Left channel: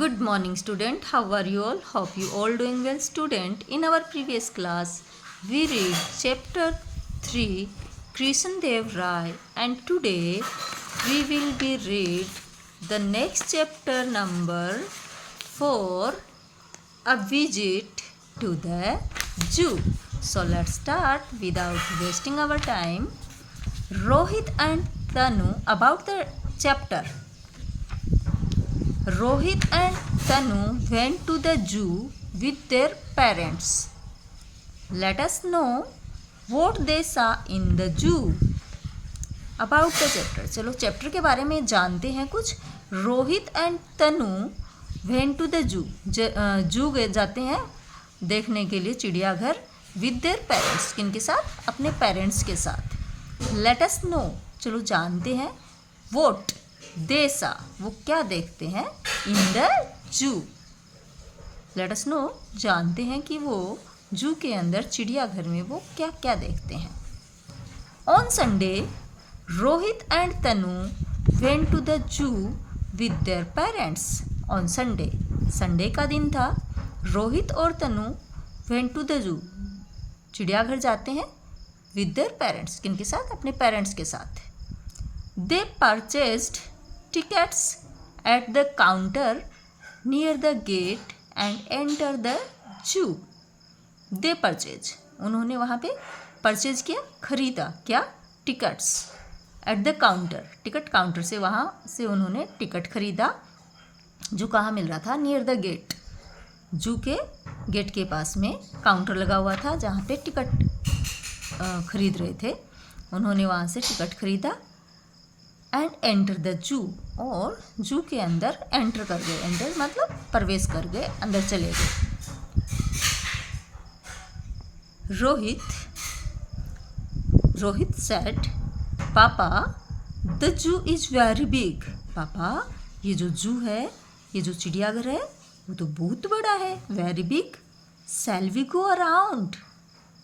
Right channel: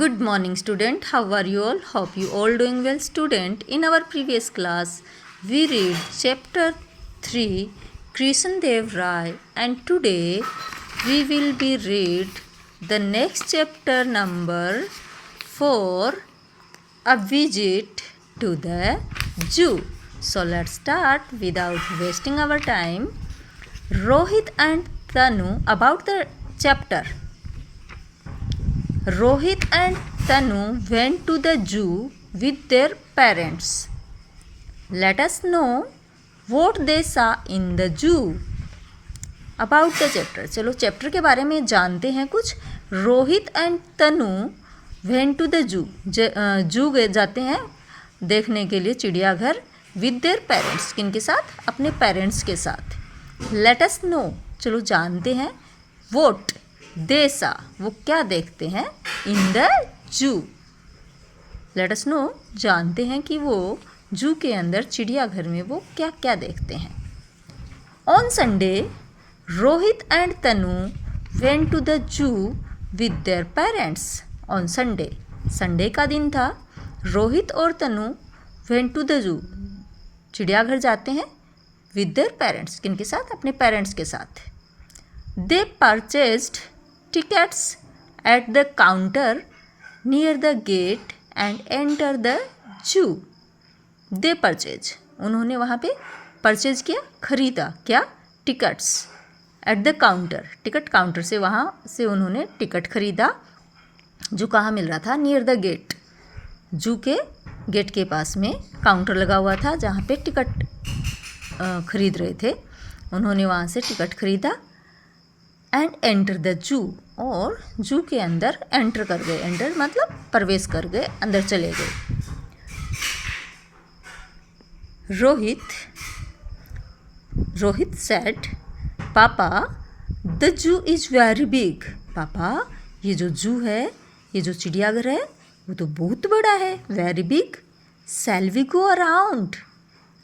Good morning student. How are you all? Hope you all doing well student. In our previous class we read chapter 3 Krishan Dev Rai and today we will be read the next chapter number 4 A Visit to the Zoo. So let's start without wasting our time. Rohit and Tanu about the chapter. Rohit and Tanu went to the zoo with their parents. Let us know what they saw in the zoo. About the chapter. चलो chapter के बारे में जानते हैं कुछ. Rohit and Tanu went to the zoo. Zoo जाते हैं देखने के लिए चिड़ियाघर विद देयर पेरेंट्स. किन के साथ? अपने पेरेंट्स के साथ. Let us know. चलो जानते हैं. वोट देसा वो क्या देखते हैं in the zoo. Let us know जानते हैं कि वो जू के अंदर चिड़ियाघर में वो क्या क्या देखते हैं. On Sunday Rohit and Tanu went to the zoo with their parents. On Sunday Sunday का दिन था. रोहित और तनु वेंट टू द जू चिड़ियाघर जाते हैं विद देयर पेरेंट्स. किन के साथ? अपने पेरेंट्स के साथ. दे purchased tickets at the counter near the gate and enter the zoo. They purchase. उन्होंने वहाँ पे परचेज किया, खरीदा. क्या? Tickets. At the counter. Ticket counter से वहाँ से उन्होंने टिकट खरीदा जो कहाँ मिल रहा था? Near the gate. जू के गेट के पास में काउंटर लगा हुआ था जहाँ पे टिकट खरीद रहे थे. उन्होंने वहाँ से टिकट खरीदा एंड एंटर द जू. और जू के अंदर एंटर कर गए. एंटर मतलब प्रवेश कर गए, अंदर चले गए. रोहित सेड पापा the zoo is very big. पापा ये जो जू है, ये जो चिड़ियाघर है वो तो बहुत बड़ा है. Very big. Shall we go around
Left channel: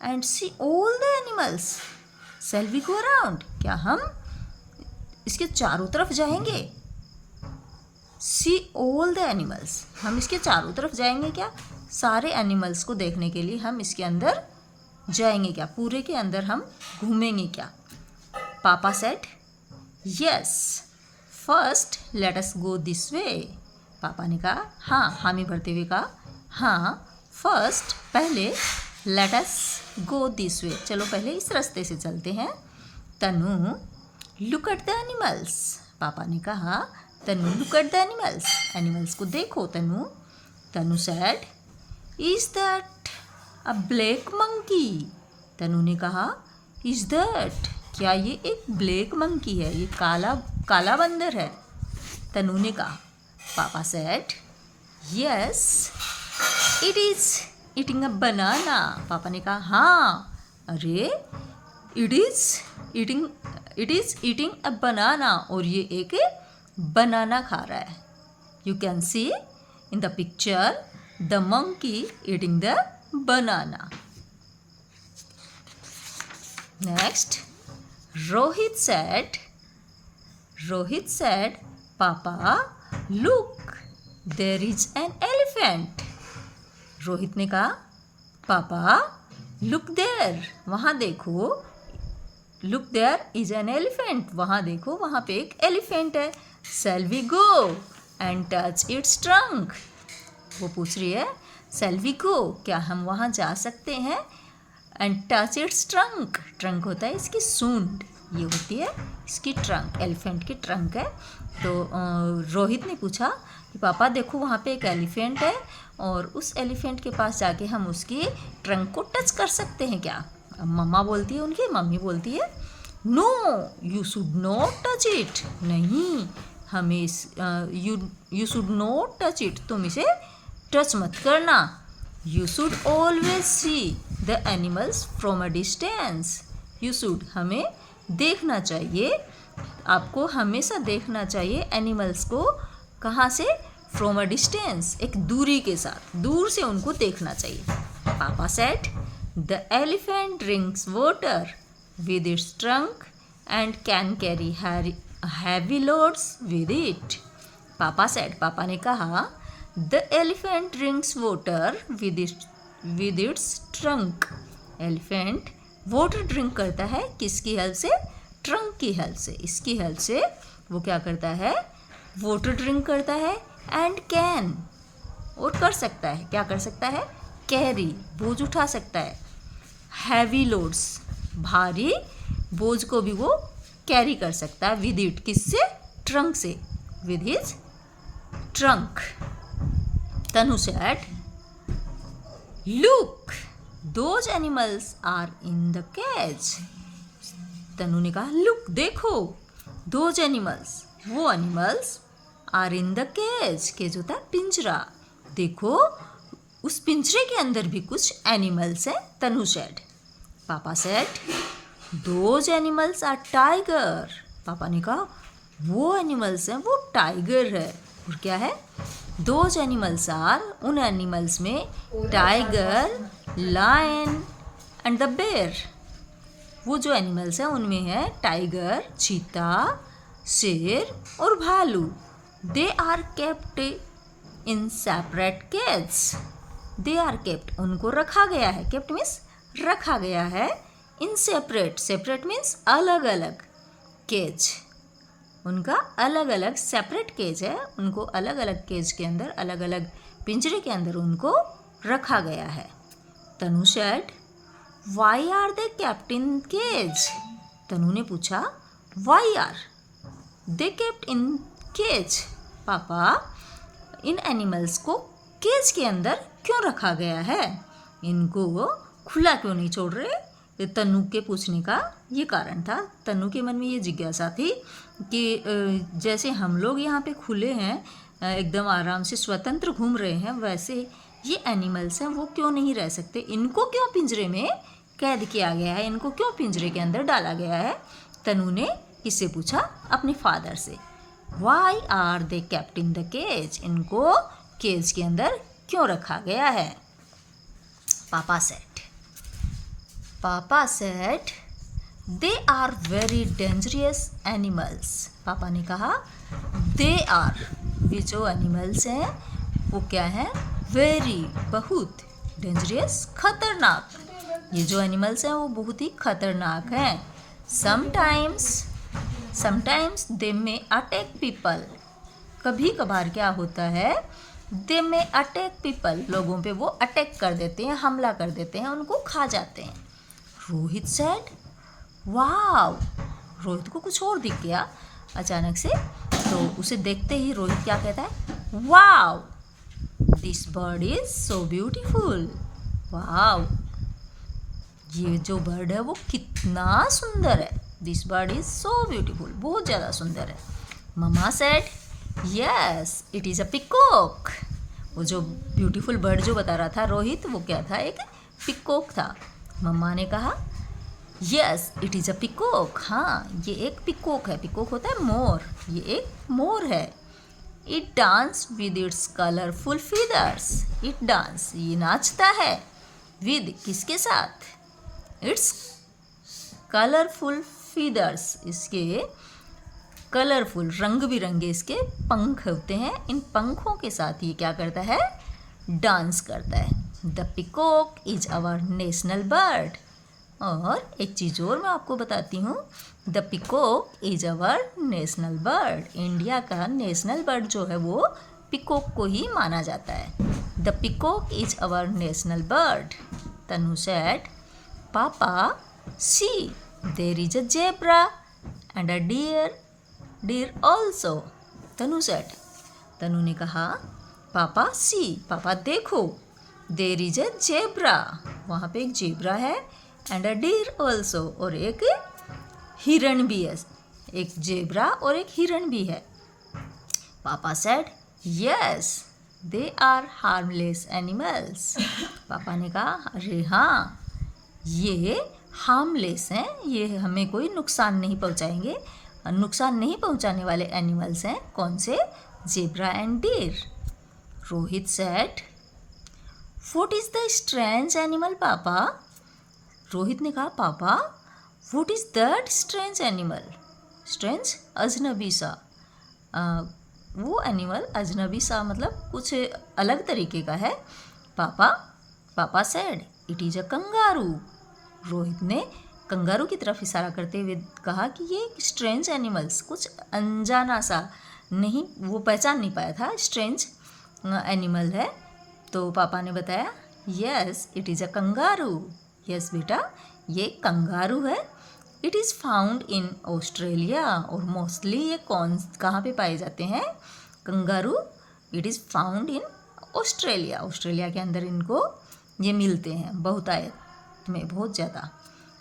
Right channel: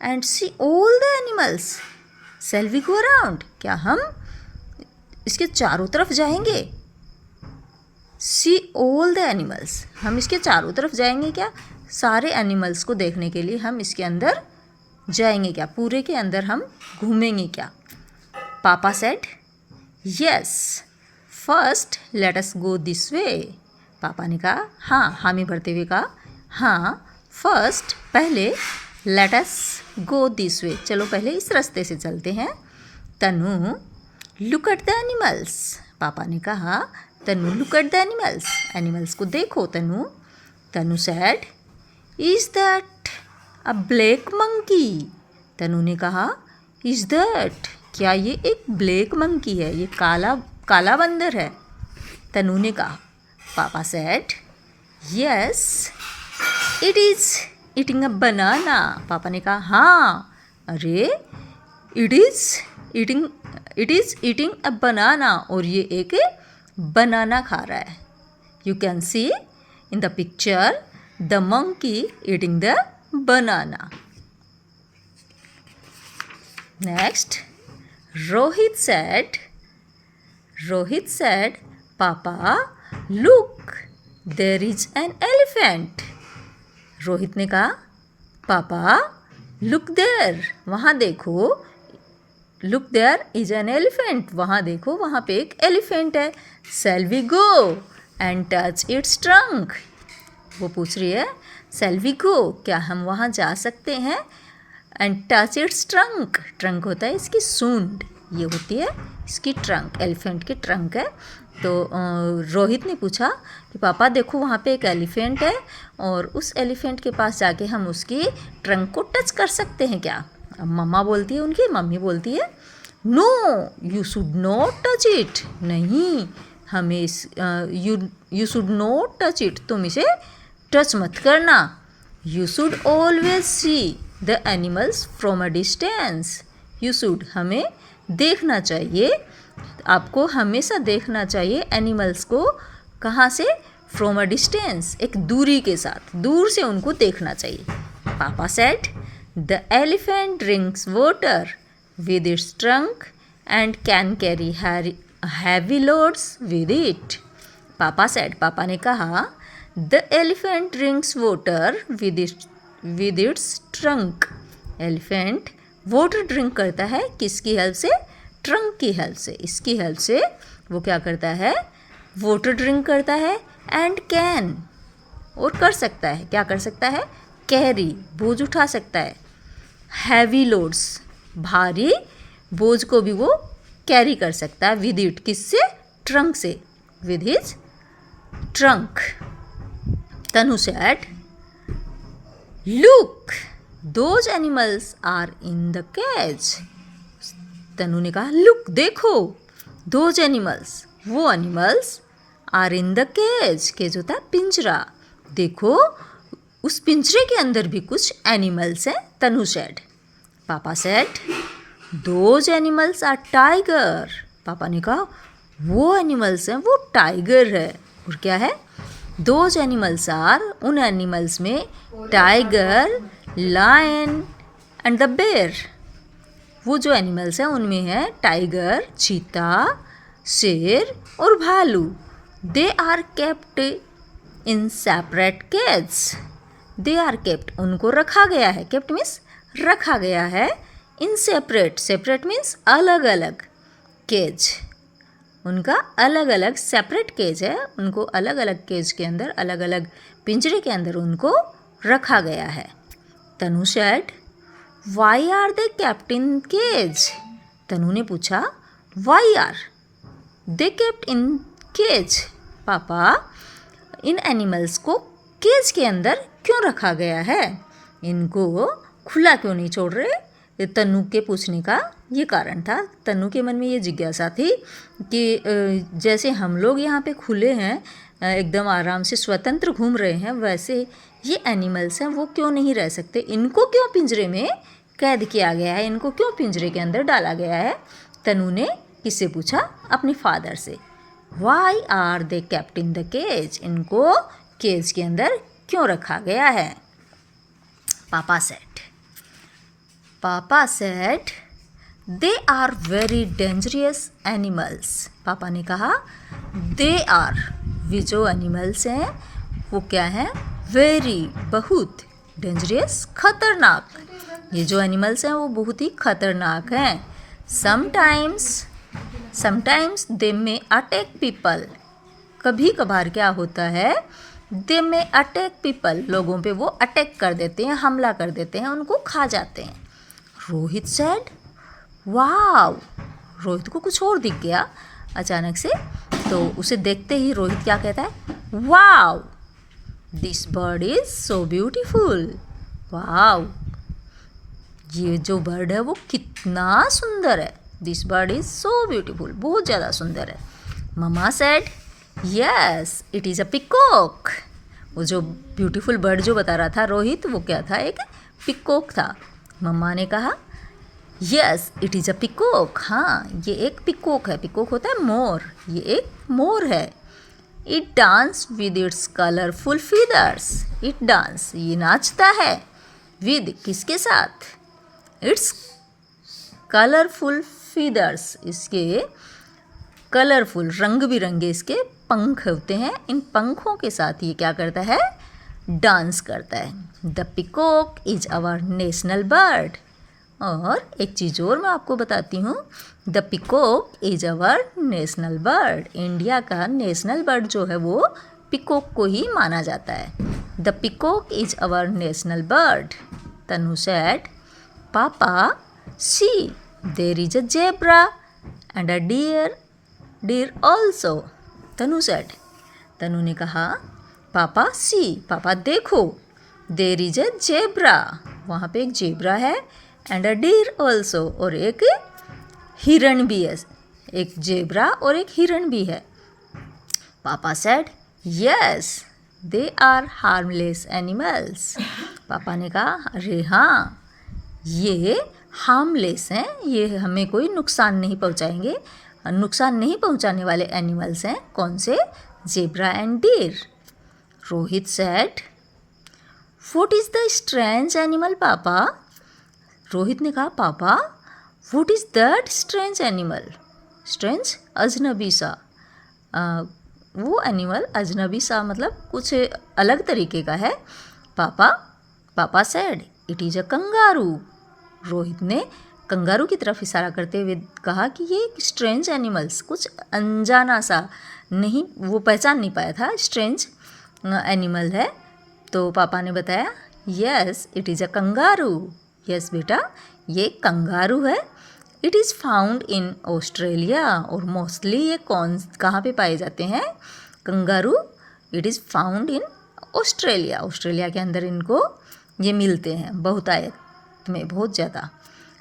and see all the animals. Shall we go around. क्या हम इसके चारों तरफ जाएंगे? See all the animals. हम इसके चारों तरफ जाएंगे क्या? सारे एनिमल्स को देखने के लिए हम इसके अंदर जाएंगे क्या? पूरे के अंदर हम घूमेंगे क्या? पापा said yes first let us go this वे. पापा ने कहा हाँ. हामी भरते हुए कहा हाँ. फर्स्ट पहले. Let us go this way. चलो पहले इस रास्ते से चलते हैं. Tanu look at the animals. पापा ने कहा Tanu look at the animals. Animals को देखो Tanu. Tanu said is that a black monkey. Tanu ने कहा इज दैट क्या ये एक ब्लैक मंकी है? ये काला बंदर है. तनु ने कहा. पापा said yes it is eating a banana. पापा ने कहा हाँ. अरे it is eating a banana. और ये एक बनाना खा रहा है. You can see in the picture the monkey eating the banana. Next Rohit said पापा look there is an elephant. Rohit ने कहा पापा लुक देयर वहाँ देखो. Look there is an elephant. वहाँ देखो वहाँ पे एक एलिफेंट है. Shall we go and touch it's trunk. वो पूछ रही है शैल वी गो क्या हम वहाँ जा सकते हैं? And touch it's trunk. Trunk होता है इसकी सूंड. ये होती है इसकी ट्रंक. एलिफेंट की ट्रंक है. तो रोहित ने पूछा कि पापा देखो वहाँ पे एक एलिफेंट है और उस एलिफेंट के पास जाके हम उसकी ट्रंक को टच कर सकते हैं क्या? अब मम्मा बोलती है, उनकी मम्मी बोलती है no you should not touch it. नहीं हमें you should not touch it. तुम इसे टच मत करना. You should always see the animals from a distance. You should हमें देखना चाहिए. आपको हमेशा देखना चाहिए एनिमल्स को. कहाँ से? From a distance. एक दूरी के साथ, दूर से उनको देखना चाहिए. पापा said The elephant drinks water with its trunk and can carry heavy loads with it. पापा ने कहा the elephant drinks water with its trunk. Elephant water drink करता है किसकी हेल्प से? ट्रंक की हेल्प से। इसकी हेल्प से वो क्या करता है? वाटर ड्रिंक करता है। एंड कैन, और कर सकता है, क्या कर सकता है? कैरी, बोझ उठा सकता है। हैवी लोड्स, भारी बोझ को भी वो कैरी कर सकता है विद इट, किससे? ट्रंक से, with his trunk. Tanu said, look those animals are in the cage. Tanu ने कहा लुक, देखो, दोज एनिमल्स, वो animals, are in the cage. Cage होता है पिंजरा। देखो उस पिंजरे के अंदर भी कुछ एनिमल्स हैं। Tanu said, papa said, those animals are tiger. पापा ने कहा वो एनिमल्स हैं, वो टाइगर है। और क्या है? दोज एनिमल्स आर, उन एनिमल्स में tiger, lion and the bear. वो जो एनिमल्स हैं उनमें है टाइगर, चीता, शेर और भालू। They are kept in separate cage. They are kept, उनको रखा गया है। केप्ट मीन्स रखा गया है। इन सेपरेट, सेपरेट मीन्स अलग अलग, केज, उनका अलग अलग सेपरेट केज है। उनको अलग अलग केज के अंदर, अलग अलग पिंजरे के अंदर उनको रखा गया है। Tanu said, why are they kept in cage. Tanu ने पूछा why are they kept in cage. पापा, इन एनिमल्स को केज के अंदर क्यों रखा गया है? इनको खुला क्यों नहीं छोड़ रहे? ये तनु के पूछने का ये कारण था। तनु के मन में ये जिज्ञासा थी कि जैसे हम लोग यहाँ पे खुले हैं, एकदम आराम से स्वतंत्र घूम रहे हैं, वैसे ये एनिमल्स हैं, वो क्यों नहीं रह सकते? इनको क्यों पिंजरे में कैद किया गया है? इनको क्यों पिंजरे के अंदर डाला गया है? तनु ने किससे पूछा? अपने फादर से। Why are they kept in the cage. इनको केज के अंदर क्यों रखा गया है? Papa said, they are very dangerous animals. पापा ने कहा दे आर, वे जो एनिमल्स हैं वो क्या है? वेरी, बहुत, डेंजरियस, खतरनाक। ये जो एनिमल्स हैं वो बहुत ही खतरनाक हैं। समटाइम्स दे में अटैक पीपल। कभी कभार क्या होता है? दे में अटैक पीपल, लोगों पे वो अटैक कर देते हैं, हमला कर देते हैं, उनको खा जाते हैं। रोहित सेड, वाव। रोहित को कुछ और दिख गया अचानक से, तो उसे देखते ही रोहित क्या कहता है? Wow, this bird is so beautiful. Wow, ये जो बर्ड है वो कितना सुंदर है। This bird is so beautiful, बहुत ज़्यादा सुंदर है। मम्मा said, yes it is a peacock. वो जो ब्यूटीफुल बर्ड जो बता रहा था रोहित, वो क्या था? एक पिकॉक था। मम्मा ने कहा yes it is a peacock. हाँ, ये एक पिकॉक है। पिकॉक होता है मोर, ये एक मोर है। It dance with its colourful feathers. It dance, ये नाचता है। विद, किसके साथ? इट्स कलरफुल फीदर्स, इसके कलरफुल, रंग बिरंगे इसके पंख होते हैं। इन पंखों के साथ ये क्या करता है? डांस करता है। The peacock is our national bird. और एक चीज़ और मैं आपको बताती हूँ, the peacock is our national bird. India का नेशनल बर्ड जो है वो पिकॉक को ही माना जाता है। The peacock is our national bird. Tanu said, पापा see there is a zebra and a deer also. Tanu said, Tanu ने कहा पापा सी, पापा देखो, देयर इज अ जेब्रा, वहाँ पे एक जेब्रा है, एंड अ डियर ऑल्सो, और एक हिरण भी है। एक जेब्रा और एक हिरण भी है। Papa said, yes they are harmless animals. पापा ने कहा अरे हाँ, ये हार्मलेस हैं, ये हमें कोई नुकसान नहीं पहुँचाएंगे। नुकसान नहीं पहुँचाने वाले एनिमल्स हैं। कौन से? Zebra and deer. Rohit said, what is the strange animal papa? Rohit ने कहा papa what is that strange animal? Strange, अजनबी सा, वो एनिमल अजनबी सा मतलब कुछ अलग तरीके का है। Papa said it is a kangaroo. Rohit ने कंगारू की तरफ इशारा करते हुए कहा कि ये एक स्ट्रेंज एनिमल्स, कुछ अनजाना सा, नहीं वो पहचान नहीं पाया था, स्ट्रेंज एनिमल है। तो पापा ने बताया yes it is a kangaroo. Yes बेटा ये कंगारू है। It is found in Australia. और मोस्टली ये कहाँ पे पाए जाते हैं kangaroo? It is found in Australia. Australia के अंदर इनको ये मिलते हैं बहुतायत में, बहुत ज़्यादा।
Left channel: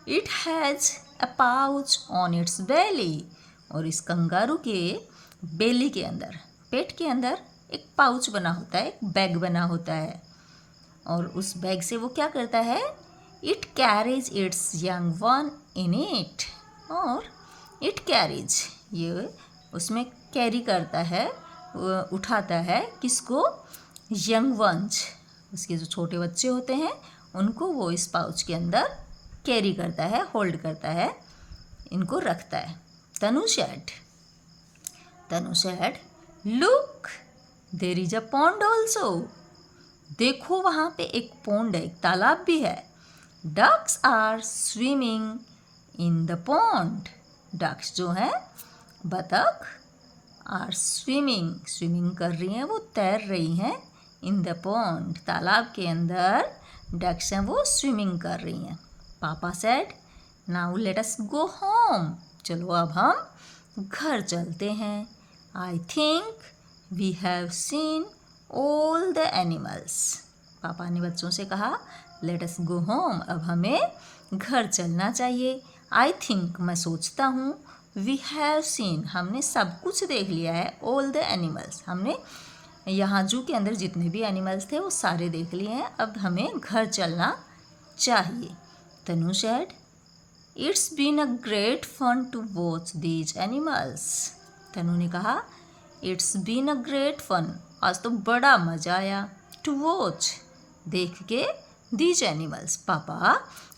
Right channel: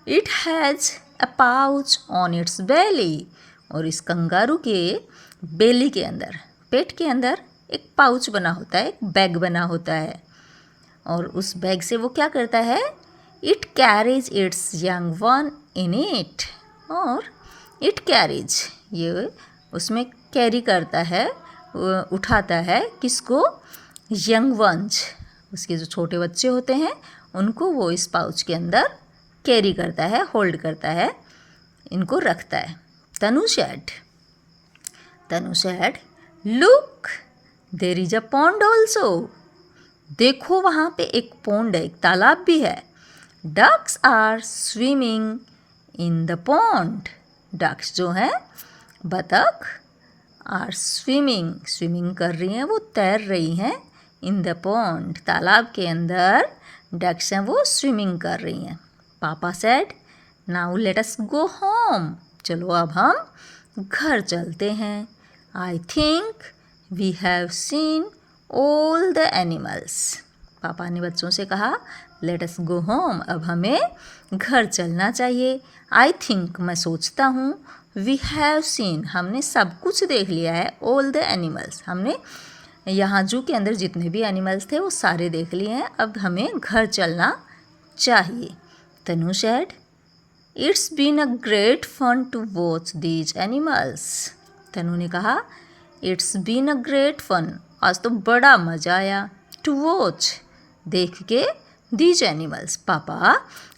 It has a pouch on its belly. और इस कंगारू के बेली के अंदर, पेट के अंदर एक पाउच बना होता है, एक बैग बना होता है। और उस बैग से वो क्या करता है? It carries it's young one in it. और इट कैरीज ये उसमें कैरी करता है, उठाता है किसको? यंग वंस, उसके जो छोटे बच्चे होते हैं उनको वो इस पाउच के अंदर कैरी करता है, होल्ड करता है, इनको रखता है। Tanu said look there is a pond also. देखो वहाँ पे एक पॉन्ड है, एक तालाब भी है। Ducks are swimming in the pond. Ducks जो हैं बतख, आर स्विमिंग कर रही हैं, वो तैर रही हैं। इन द पॉन्ड तालाब के अंदर डक्स हैं, वो स्विमिंग कर रही हैं। Papa said now let us go home. चलो अब हम घर चलते हैं। I think we have seen all the animals. पापा ने बच्चों से कहा लेट अस गो होम, अब हमें घर चलना चाहिए। आई थिंक मैं सोचता हूँ, वी हैव सीन हमने सब कुछ देख लिया है, ऑल द एनिमल्स हमने यहाँ जू के अंदर जितने भी एनिमल्स थे वो सारे देख लिए हैं, अब हमें घर चलना चाहिए। Tanu said it's been a great fun to watch these animals. Tanu ने कहा it's been a great fun, आज तो बड़ा मज़ा आया। टू वॉच देख के, दीज एनिमल्स पापा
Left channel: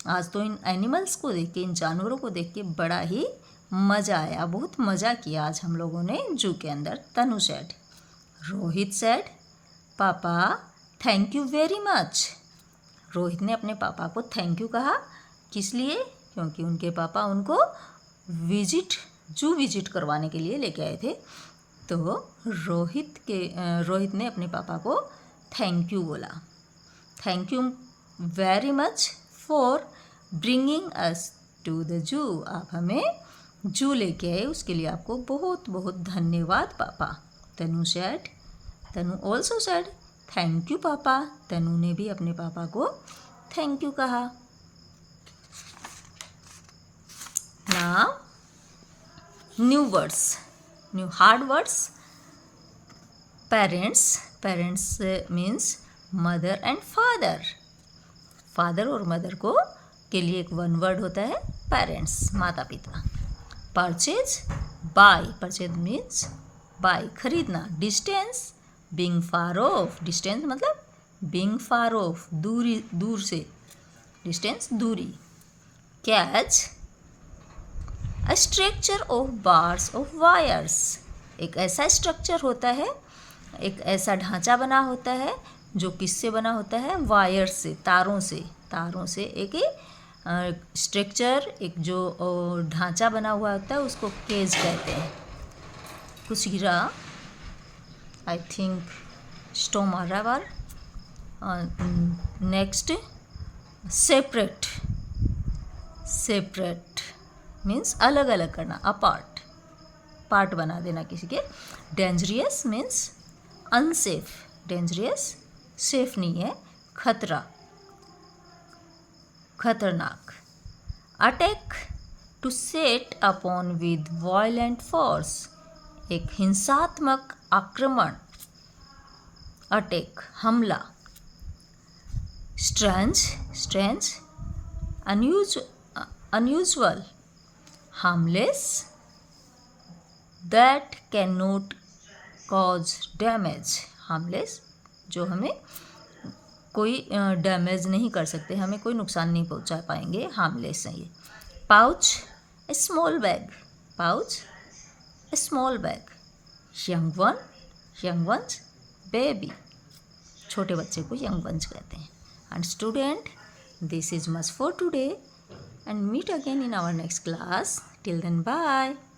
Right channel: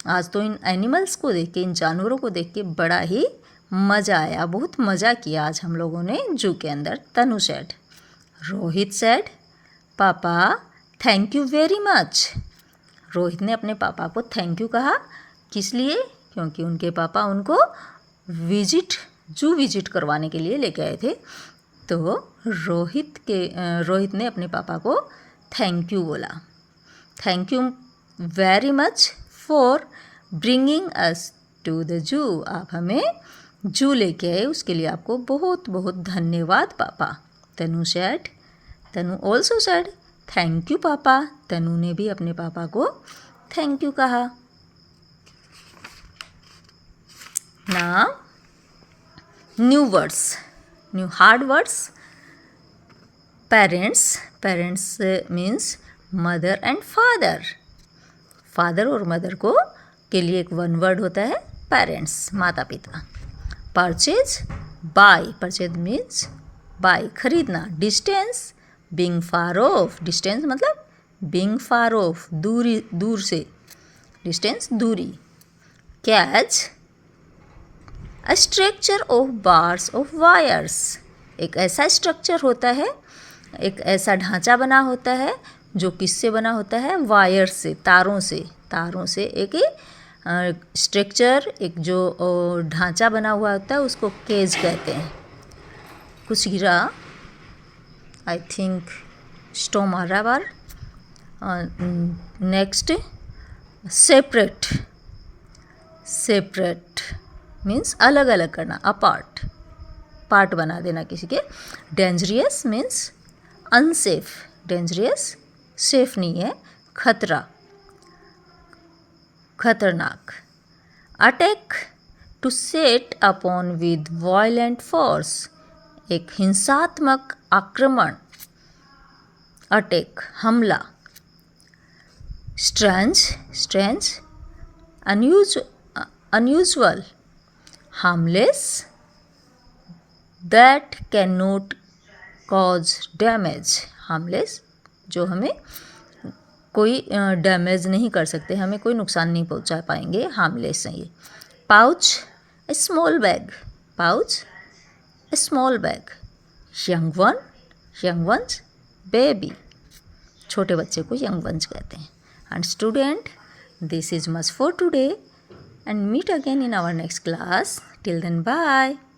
आज तो इन एनिमल्स को देख के, इन जानवरों को देख के बड़ा ही मज़ा आया, बहुत मज़ा किया आज हम लोगों ने जू के अंदर। तनु सेड रोहित सेड पापा thank you very much. Rohit ने अपने पापा को थैंक यू कहा, किस लिए? क्योंकि उनके पापा उनको जू विजिट करवाने के लिए लेके आए थे। तो रोहित ने अपने पापा को थैंक यू बोला। Thank you very much for bringing us to the zoo. आप हमें जू लेके आए, उसके लिए आपको बहुत बहुत धन्यवाद पापा। तनु ऑल्सो सेड थैंक यू पापा। तनु ने भी अपने पापा को थैंक यू कहा। Now new words, new hard words. Parents means mother and father. Father और मदर को के लिए एक वन वर्ड होता है पेरेंट्स, माता पिता। परचेज मीन्स बाय, खरीदना। Distance being far of, distance मतलब बीइंग फार ऑफ, दूर से, डिस्टेंस दूरी। Catch a structure of bars of wires, एक ऐसा स्ट्रक्चर होता है, एक ऐसा ढांचा बना होता है जो किससे बना होता है? वायर से, तारों से एक स्ट्रक्चर, एक जो ढांचा बना हुआ होता है उसको केज कहते हैं। कुछ गिरा, आई थिंक स्टॉर्म आ रहा बार। नेक्स्ट सेपरेट मीन्स अलग अलग करना, अपार्ट, पार्ट बना देना किसी के। Dangerous means unsafe, dangerous safe नहीं है, खतरनाक। Attack to set upon with violent force, एक हिंसात्मक आक्रमण, अटैक हमला। Strange unusual, harmless that can not cause damage, harmless जो हमें कोई डैमेज नहीं कर सकते, हमें कोई नुकसान नहीं पहुंचा पाएंगे, हार्मलेस है ये। Pouch a small bag, young one young ones baby, छोटे बच्चे को यंग वंस कहते हैं. And student, this is much for today and meet again in our next class. Till then, bye.